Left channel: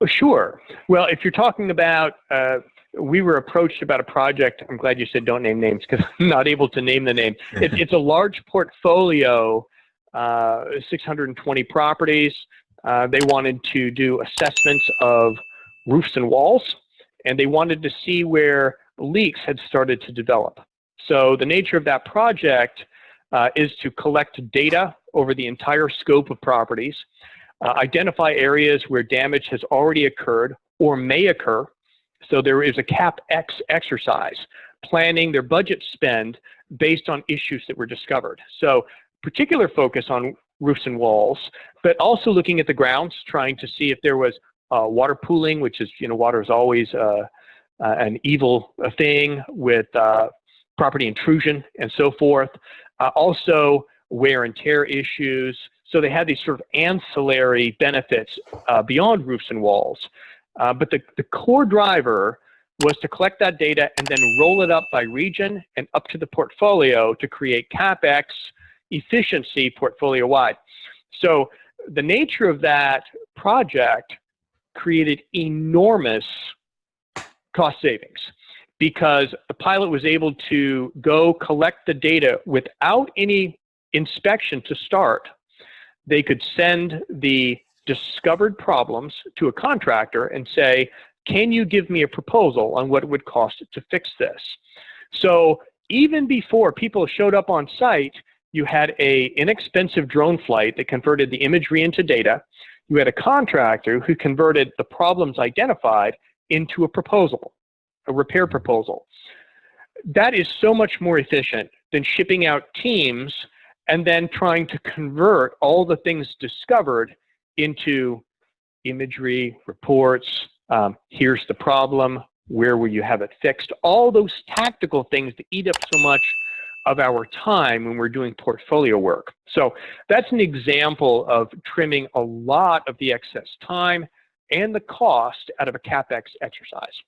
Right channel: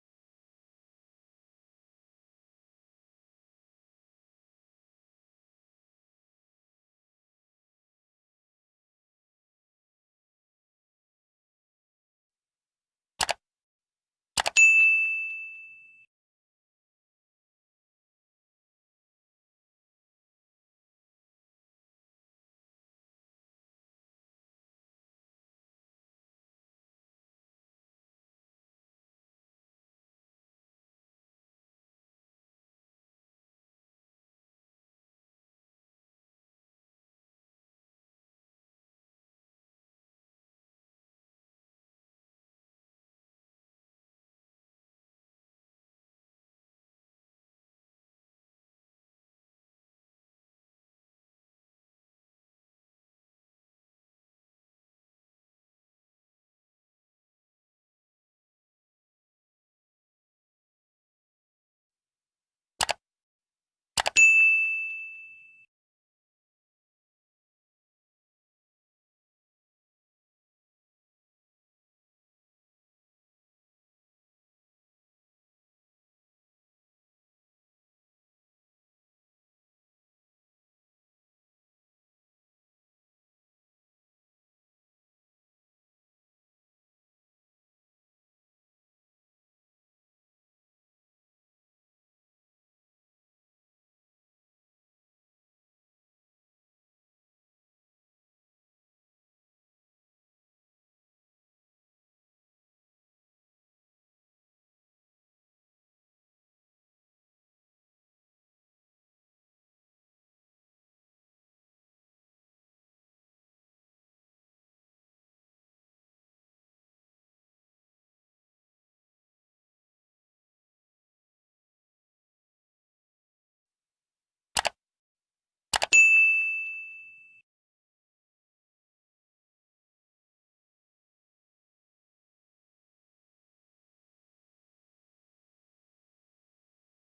Oh, sure. Well, if you're talking about, we were approached about a project. I'm glad you said don't name names because I'm not able to name the name. It's a large portfolio, 620 properties. They wanted to do assessments of roofs and walls, and they wanted to see where leaks had started to develop. So the nature of that project is to collect data over the entire scope of properties, identify areas where damage has already occurred or may occur. So there is a CapEx exercise, planning their budget spend based on issues that were discovered. So particular focus on roofs and walls, but also looking at the grounds, trying to see if there was water pooling, which is, water is always an evil thing with property intrusion and so forth. Also wear and tear issues. So they had these sort of ancillary benefits beyond roofs and walls. But the core driver was to collect that data and then roll it up by region and up to the portfolio to create CapEx efficiency portfolio-wide. So the nature of that project created enormous cost savings because the pilot was able to go collect the data without any inspection to start. They could send the discovered problems to a contractor and say, can you give me a proposal on what it would cost to fix this? So even before people showed up on site, you had an inexpensive drone flight that converted the imagery into data. You had a contractor who converted the problems identified into a proposal, a repair proposal. That is so much more efficient than shipping out teams and then trying to convert all the things discovered into imagery, reports, here's the problem, where will you have it fixed, all those tactical things that eat up so much of our time when we're doing portfolio work. So that's an example of trimming a lot of the excess time and the cost out of a CapEx exercise.